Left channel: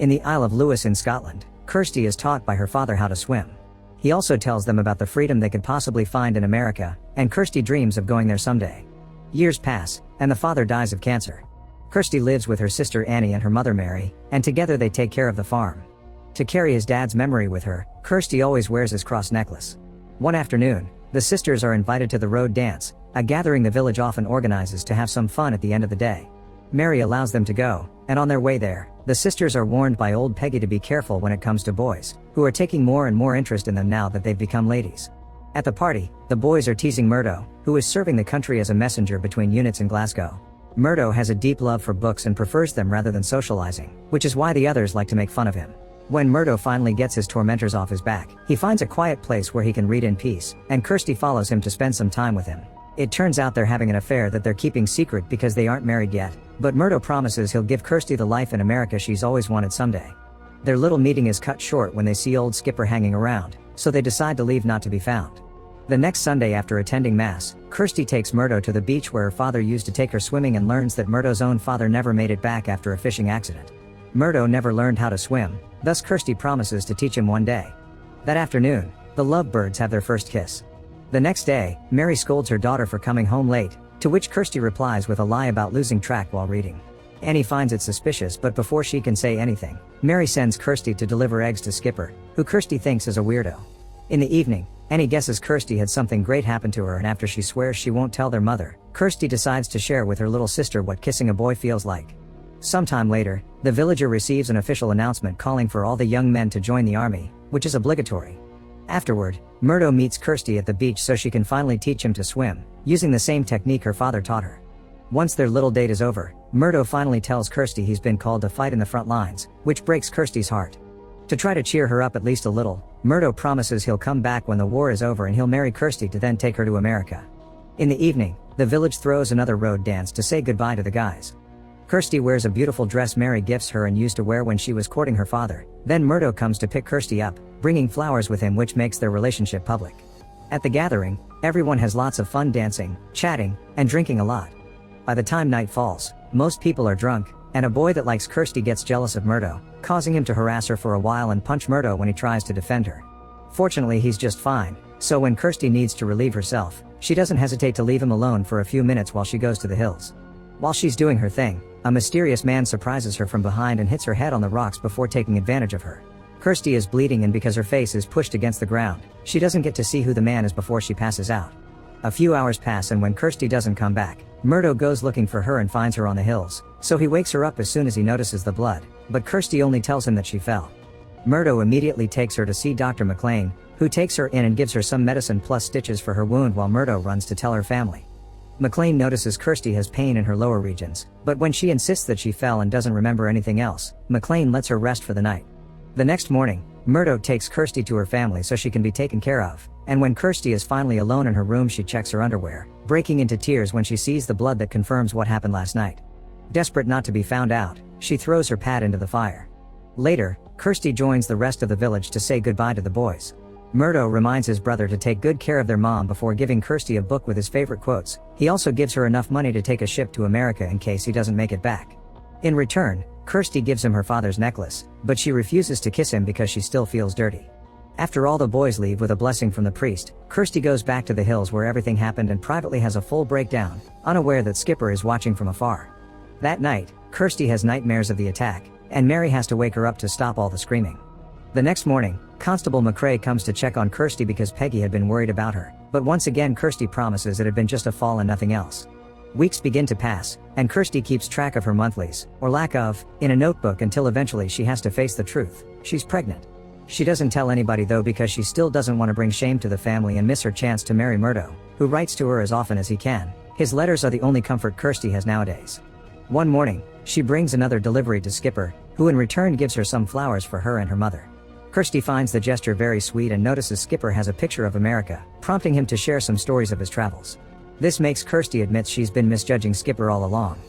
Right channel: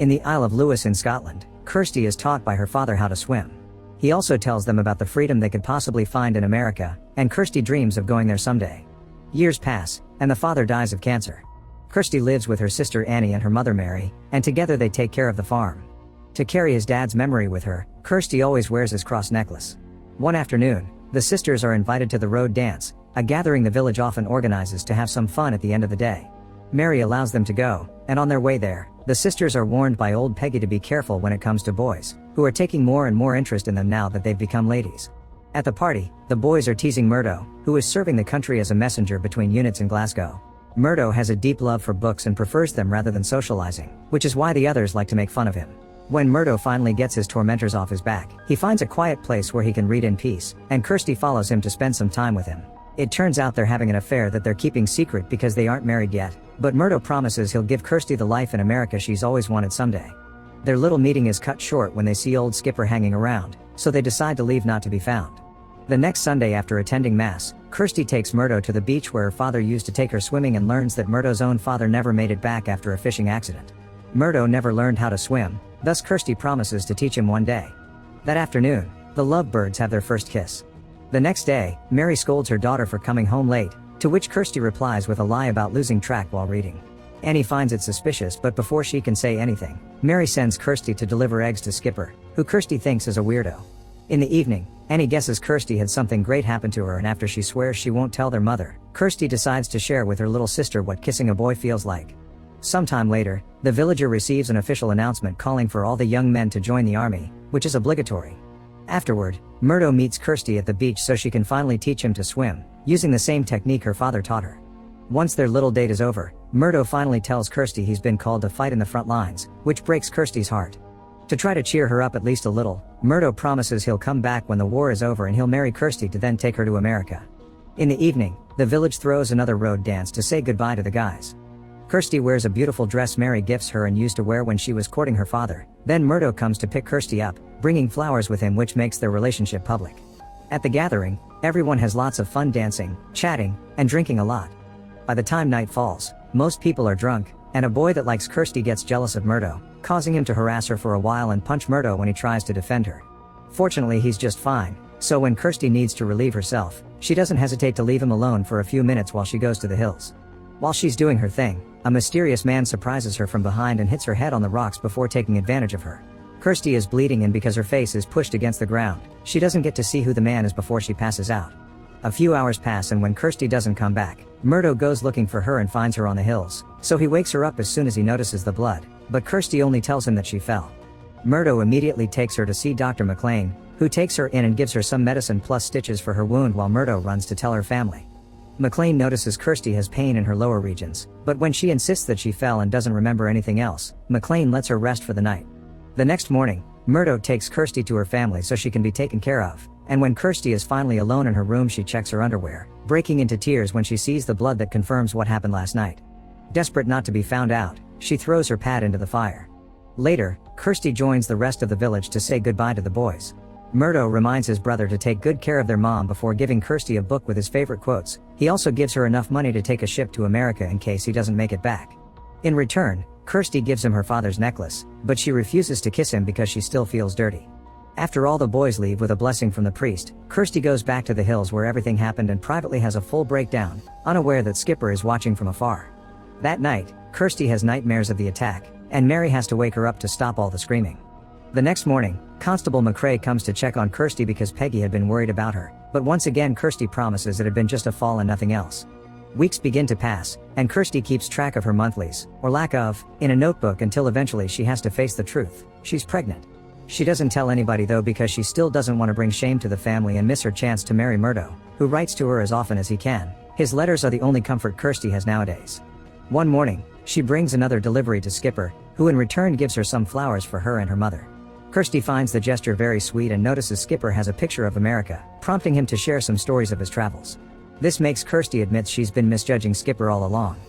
In the Isle of Lewis in Scotland, Kirsty is taught by her father how to swim. He also tells them about the freedom they could possibly find in America, and Kirsty dreams of going there someday. Years pass, and the father dies of cancer. Kirsty lives with her sister Annie and her mother Mary, and together they take care of the farm. To carry his dad's memory with her, Kirsty always wears his cross necklace. One afternoon, the sisters are invited to the road dance, a gathering the village often organizes to have some fun at the end of the day. Mary allows them to go, and on their way there, the sisters are warned by old Peggy to be careful when it comes to boys, who are taking more and more interest in them now that they've become ladies. At the party, the boys are teasing Murdo, who is serving the country as a messenger between units in Glasgow. Murdo has a deep love for books and prefers them rather than socializing, which is why the others like to make fun of him. When Murdo finally gets his tormentors off his back, he finds a quiet place where he can read in peace, and Kirsty follows him to spend some time with him. It turns out they're having an affair that they're keeping secret because they aren't married yet, but Murdo promises he'll give Kirsty the life in America she's always wanted someday. Their little meeting is cut short when they see old Skipper hanging around, so they decide to leave not to be found. The next Sunday after attending Mass, Kirsty takes Murdo to the beach where her father used to take her swimming and learns that Murdo's own father never made it back after a fishing accident. Murdo never learned how to swim, thus Kirsty promises to teach him one day. That afternoon, the lovebirds have their first kiss. The next day, Mary scolds her daughter for coming home late, to which Kirsty replies with a lie about losing track while reading. Annie finds it suspicious, but before she can say anything, Mary sends Kirsty to deliver eggs to Skipper, who Kirsty thinks is a weirdo. In the evening, Annie guesses Kirsty had something great happen to her, and after she swears she won't tell their mother, Kirsty decides to share with her little sister what kissing a boy feels like. Sometime later, the villager receives an official announcement calling for all the young men to join the army, which is obligatory. Afterward, Murdo meets Kirsty at the beach so she can finally teach him to swim, using the same technique her father taught her. Once their little date is over, Murdo finally tells Kirsty he's been called to fight in the front lines, which breaks Kirsty's heart. To try to cheer her up at least a little, Murdo promises he'll come back when the war is over and he'll marry Kirsty to then take her to America. In the evening, the village throws another road dance to say goodbye to the guys. Kirsty wears a beautiful dress Mary gifts her and used to wear when she was courting her father. Then Murdo comes to pick Kirsty up, bringing flowers with him, which makes their relationship public. At the gathering, everyone has lots of fun dancing, chatting, and drinking a lot. By the time night falls, most people are drunk, and a boy that likes Kirsty gets jealous of Murdo, causing him to harass her for a while and punch Murdo when he tries to defend her. Fortunately, he's just fine, so when Kirsty needs to relieve herself, she doesn't hesitate to leave him alone for a few minutes while she goes to the hills. While she's doing her thing, a mysterious man surprises her from behind and hits her head on the rocks before taking advantage of her. Kirsty is bleeding, and because her face is pushed against the ground, she doesn't get to see who the man is before she passes out. A few hours pass, and when Kirsty doesn't come back, Murdo goes looking for her and finds her on the hills, so he wakes her up as soon as he notices the blood, but Kirsty only tells him that she fell. Murdo immediately takes her to see Dr. McLean, who takes her in and gives her some medicine plus stitches for her wound while Murdo runs to tell her family. McLean notices Kirsty has pain in her lower regions, but when she insists that she fell and doesn't remember anything else, McLean lets her rest for the night. The next morning, Murdo takes Kirsty to her family so she can be taken care of, and when Kirsty is finally alone in her room, she checks her underwear, breaking into tears when she sees the blood that confirms what happened last night. Desperate not to be found out, she throws her pad into the fire. Later, Kirsty joins the rest of the village to say goodbye to the boys. Murdo reminds his brother to take good care of their mom before giving Kirsty a book with his favorite quotes. He also gives her enough money to take a ship to America in case he doesn't make it back. In return, Kirsty gives him her father's necklace, but she refuses to kiss him because she still feels dirty. After all the boys leave with a blessing from the priest, Kirsty goes back to the hills where everything happened and privately has a full breakdown, unaware that Skipper is watching from afar. That night, Kirsty has nightmares of the attack, and Mary has to wake her up to stop all the screaming. The next morning, Constable McCrae comes to check on Kirsty because Peggy had been worried about her, but once again Kirsty promises it had been just a fall and nothing else. Weeks begin to pass, and Kirsty keeps track of her monthlies, or lack of, in a notebook until eventually she has to face the truth. She's pregnant. She doesn't tell anybody though because she still doesn't want to bring shame to the family and miss her chance to marry Murdo, who writes to her as often as he can. His letters are the only comfort Kirsty has nowadays. One morning, she brings another delivery to Skipper, who in return gives her some flowers for her and her mother. Kirsty finds the gesture very sweet and notices Skipper has a picture of America, prompting him to share some stories of his travels. This makes Kirsty admit she's been misjudging Skipper all along.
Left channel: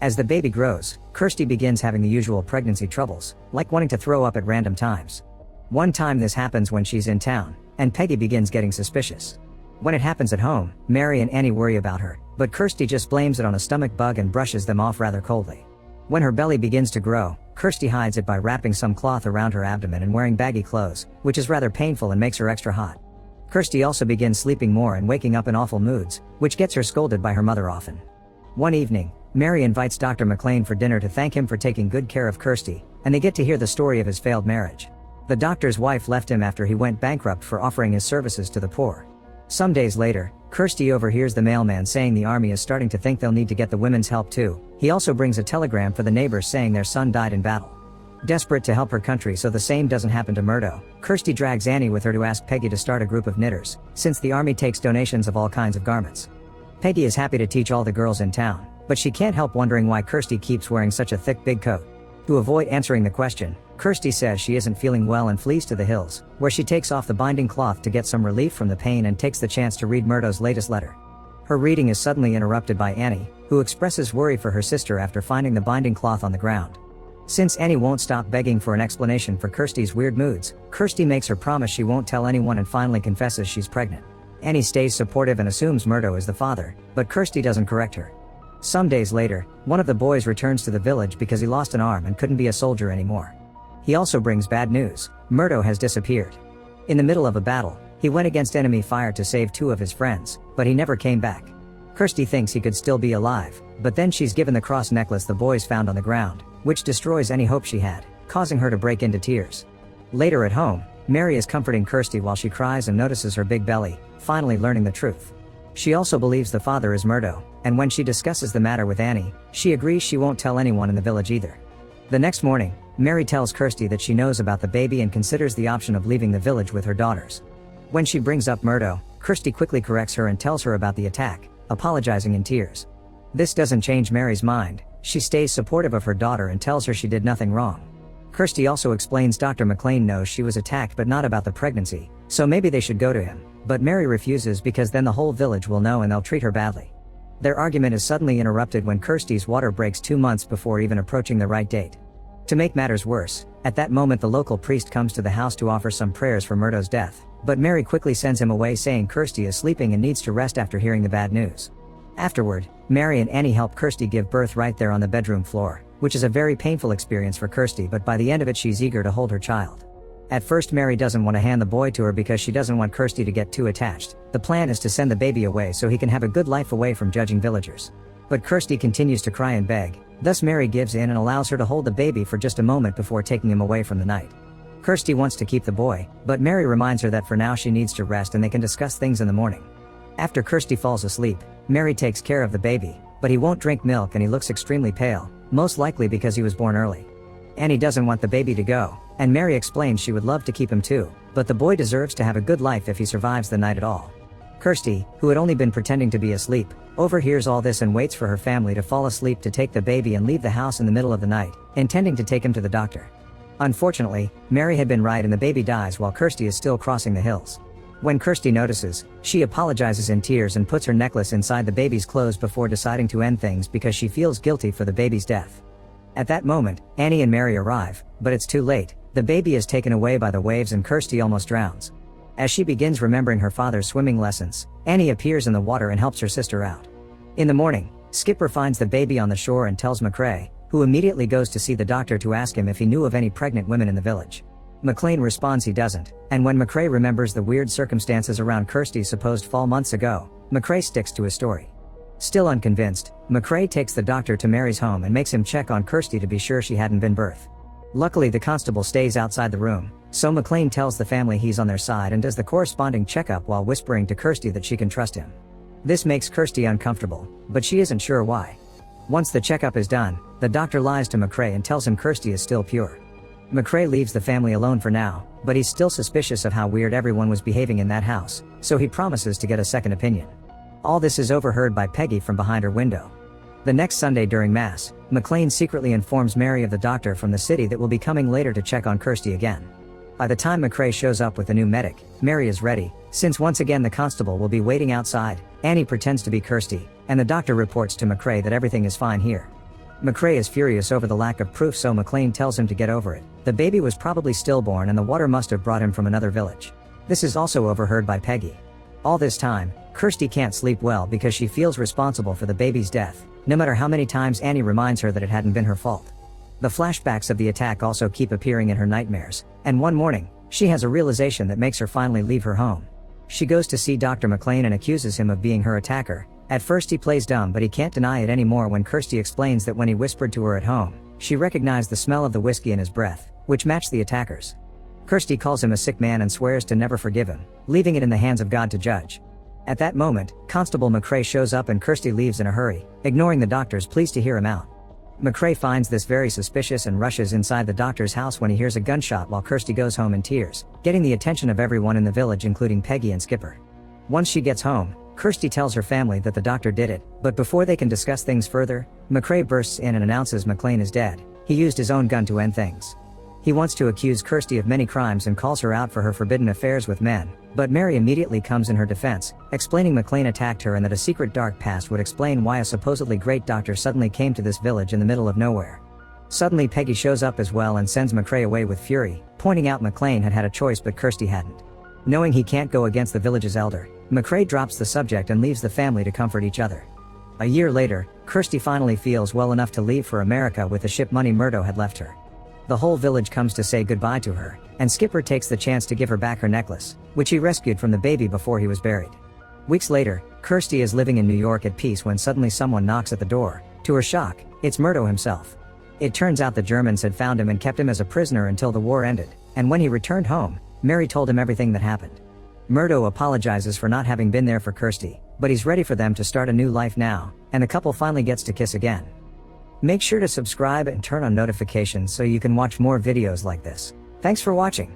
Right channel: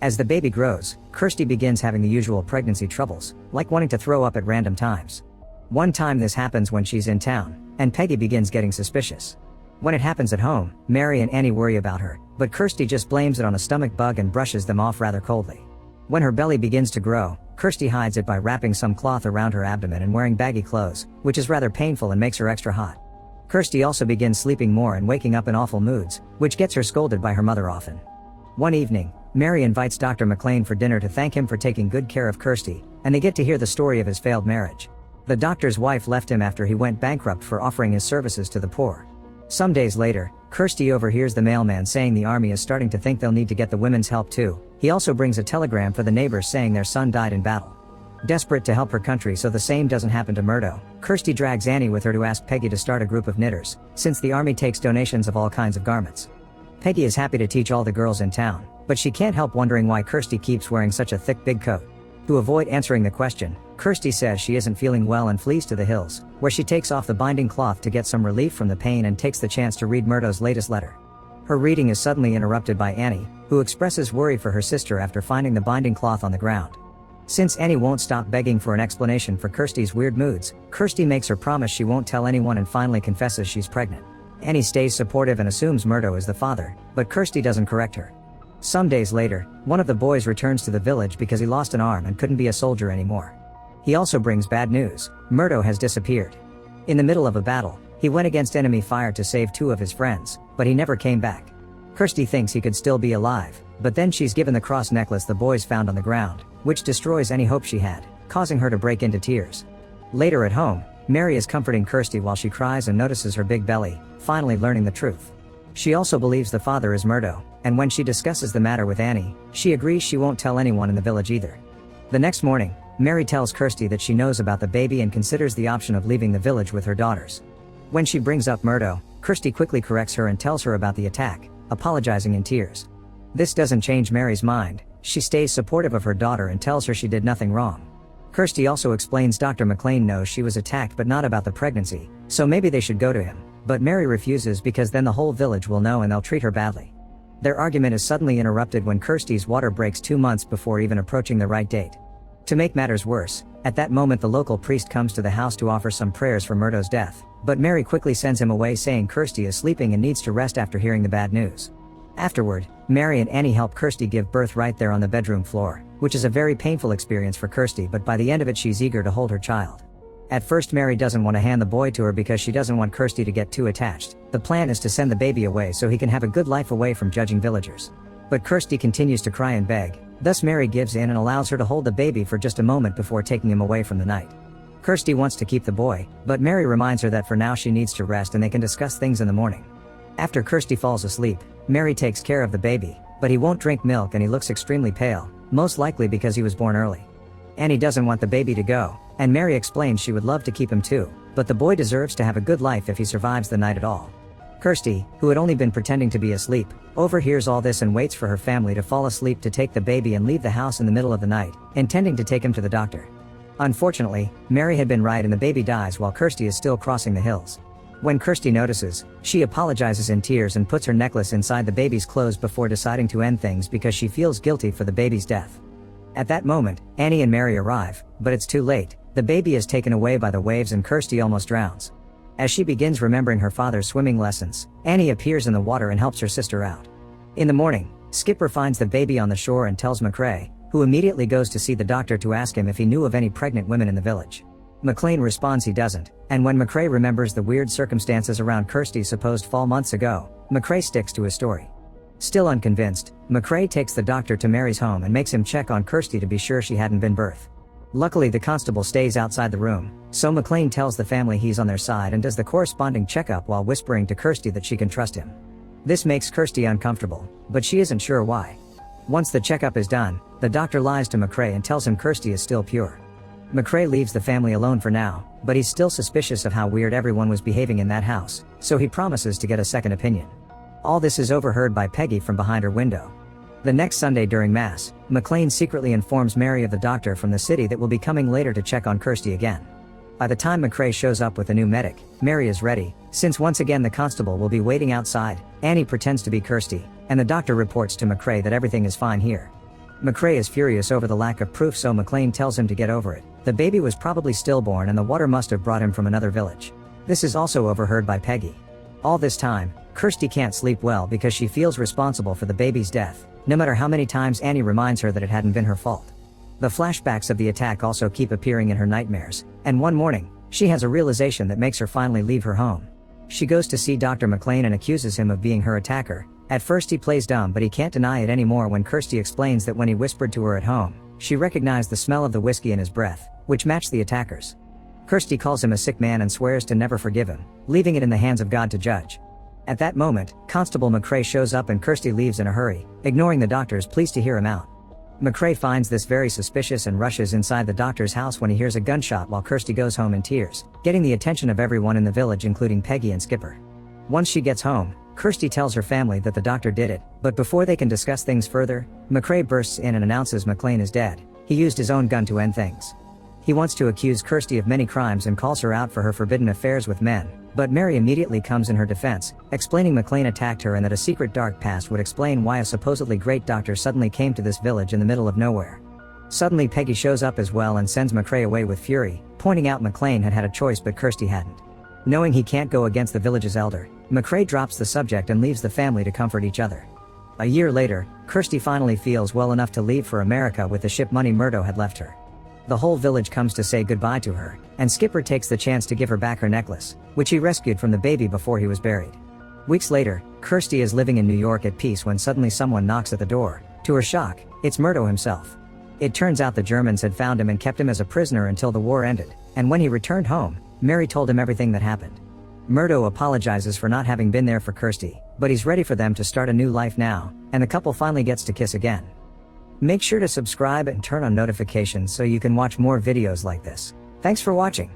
As the baby grows, Kirsty begins having the usual pregnancy troubles, like wanting to throw up at random times. One time this happens when she's in town, and Peggy begins getting suspicious. When it happens at home, Mary and Annie worry about her, but Kirsty just blames it on a stomach bug and brushes them off rather coldly. When her belly begins to grow, Kirsty hides it by wrapping some cloth around her abdomen and wearing baggy clothes, which is rather painful and makes her extra hot. Kirsty also begins sleeping more and waking up in awful moods, which gets her scolded by her mother often. One evening, Mary invites Dr. McLean for dinner to thank him for taking good care of Kirsty, and they get to hear the story of his failed marriage. The doctor's wife left him after he went bankrupt for offering his services to the poor. Some days later, Kirsty overhears the mailman saying the army is starting to think they'll need to get the women's help too. He also brings a telegram for the neighbors saying their son died in battle. Desperate to help her country so the same doesn't happen to Murdo, Kirsty drags Annie with her to ask Peggy to start a group of knitters, since the army takes donations of all kinds of garments. Peggy is happy to teach all the girls in town, but she can't help wondering why Kirsty keeps wearing such a thick big coat. To avoid answering the question, Kirsty says she isn't feeling well and flees to the hills, where she takes off the binding cloth to get some relief from the pain and takes the chance to read Murdo's latest letter. Her reading is suddenly interrupted by Annie, who expresses worry for her sister after finding the binding cloth on the ground. Since Annie won't stop begging for an explanation for Kirsty's weird moods, Kirsty makes her promise she won't tell anyone and finally confesses she's pregnant. Annie stays supportive and assumes Murdo is the father, but Kirsty doesn't correct her. Some days later, one of the boys returns to the village because he lost an arm and couldn't be a soldier anymore. He also brings bad news: Murdo has disappeared. In the middle of a battle, he went against enemy fire to save two of his friends, but he never came back. Kirsty thinks he could still be alive, but then she's given the cross necklace the boys found on the ground, which destroys any hope she had, causing her to break into tears. Later at home, Mary is comforting Kirsty while she cries and notices her big belly, finally learning the truth. She also believes the father is Murdo, and when she discusses the matter with Annie, she agrees she won't tell anyone in the village either. The next morning, Mary tells Kirsty that she knows about the baby and considers the option of leaving the village with her daughters. When she brings up Murdo, Kirsty quickly corrects her and tells her about the attack, apologizing in tears. This doesn't change Mary's mind. She stays supportive of her daughter and tells her she did nothing wrong. Kirsty also explains Dr. McLean knows she was attacked but not about the pregnancy, so maybe they should go to him, but Mary refuses because then the whole village will know and they'll treat her badly. Their argument is suddenly interrupted when Kirsty's water breaks 2 months before even approaching the right date. To make matters worse, at that moment the local priest comes to the house to offer some prayers for Murdo's death, but Mary quickly sends him away saying Kirsty is sleeping and needs to rest after hearing the bad news. Afterward, Mary and Annie help Kirsty give birth right there on the bedroom floor, which is a very painful experience for Kirsty, but by the end of it she's eager to hold her child. At first Mary doesn't want to hand the boy to her because she doesn't want Kirsty to get too attached. The plan is to send the baby away so he can have a good life away from judging villagers. But Kirsty continues to cry and beg, thus Mary gives in and allows her to hold the baby for just a moment before taking him away from the night. Kirsty wants to keep the boy, but Mary reminds her that for now she needs to rest and they can discuss things in the morning. After Kirsty falls asleep, Mary takes care of the baby, but he won't drink milk and he looks extremely pale, most likely because he was born early. Annie doesn't want the baby to go, and Mary explains she would love to keep him too, but the boy deserves to have a good life if he survives the night at all. Kirsty, who had only been pretending to be asleep, overhears all this and waits for her family to fall asleep to take the baby and leave the house in the middle of the night, intending to take him to the doctor. Unfortunately, Mary had been right and the baby dies while Kirsty is still crossing the hills. When Kirsty notices, she apologizes in tears and puts her necklace inside the baby's clothes before deciding to end things because she feels guilty for the baby's death. At that moment, Annie and Mary arrive, but it's too late. The baby is taken away by the waves and Kirsty almost drowns. As she begins remembering her father's swimming lessons, Annie appears in the water and helps her sister out. In the morning, Skipper finds the baby on the shore and tells McCrae, who immediately goes to see the doctor to ask him if he knew of any pregnant women in the village. McLean responds he doesn't, and when McCrae remembers the weird circumstances around Kirsty's supposed fall months ago, McCrae sticks to his story. Still unconvinced, McCrae takes the doctor to Mary's home and makes him check on Kirsty to be sure she hadn't been birthed. Luckily the constable stays outside the room, so McLean tells the family he's on their side and does the corresponding checkup while whispering to Kirsty that she can trust him. This makes Kirsty uncomfortable, but she isn't sure why. Once the checkup is done, the doctor lies to McCrae and tells him Kirsty is still pure. McCrae leaves the family alone for now, but he's still suspicious of how weird everyone was behaving in that house, so he promises to get a second opinion. All this is overheard by Peggy from behind her window. The next Sunday during Mass, McLean secretly informs Mary of the doctor from the city that will be coming later to check on Kirsty again. By the time McCrae shows up with a new medic, Mary is ready, since once again the constable will be waiting outside. Annie pretends to be Kirsty, and the doctor reports to McCrae that everything is fine here. McCrae is furious over the lack of proof, so McLean tells him to get over it. The baby was probably stillborn and the water must have brought him from another village. This is also overheard by Peggy. All this time, Kirsty can't sleep well because she feels responsible for the baby's death, no matter how many times Annie reminds her that it hadn't been her fault. The flashbacks of the attack also keep appearing in her nightmares, and one morning, she has a realization that makes her finally leave her home. She goes to see Dr. McLean and accuses him of being her attacker. At first he plays dumb, but he can't deny it anymore when Kirsty explains that when he whispered to her at home, she recognized the smell of the whiskey in his breath, which matched the attacker's. Kirsty calls him a sick man and swears to never forgive him, leaving it in the hands of God to judge. At that moment, Constable McCrae shows up and Kirsty leaves in a hurry, ignoring the doctor's pleas to hear him out. McCrae finds this very suspicious and rushes inside the doctor's house when he hears a gunshot while Kirsty goes home in tears, getting the attention of everyone in the village including Peggy and Skipper. Once she gets home, Kirsty tells her family that the doctor did it, but before they can discuss things further, McCrae bursts in and announces McLean is dead. He used his own gun to end things. He wants to accuse Kirsty of many crimes and calls her out for her forbidden affairs with men, but Mary immediately comes in her defense, explaining McLean attacked her and that a secret dark past would explain why a supposedly great doctor suddenly came to this village in the middle of nowhere. Suddenly Peggy shows up as well and sends McCrae away with fury, pointing out McLean had had a choice but Kirsty hadn't. Knowing he can't go against the village's elder, McCrae drops the subject and leaves the family to comfort each other. A year later, Kirsty finally feels well enough to leave for America with the ship money Murdo had left her. The whole village comes to say goodbye to her, and Skipper takes the chance to give her back her necklace, which he rescued from the baby before he was buried. Weeks later, Kirsty is living in New York at peace when suddenly someone knocks at the door. To her shock, it's Murdo himself. It turns out the Germans had found him and kept him as a prisoner until the war ended, and when he returned home, Mary told him everything that happened. Murdo apologizes for not having been there for Kirsty, but he's ready for them to start a new life now, and the couple finally gets to kiss again. Make sure to subscribe and turn on notifications so you can watch more videos like this. Thanks for watching.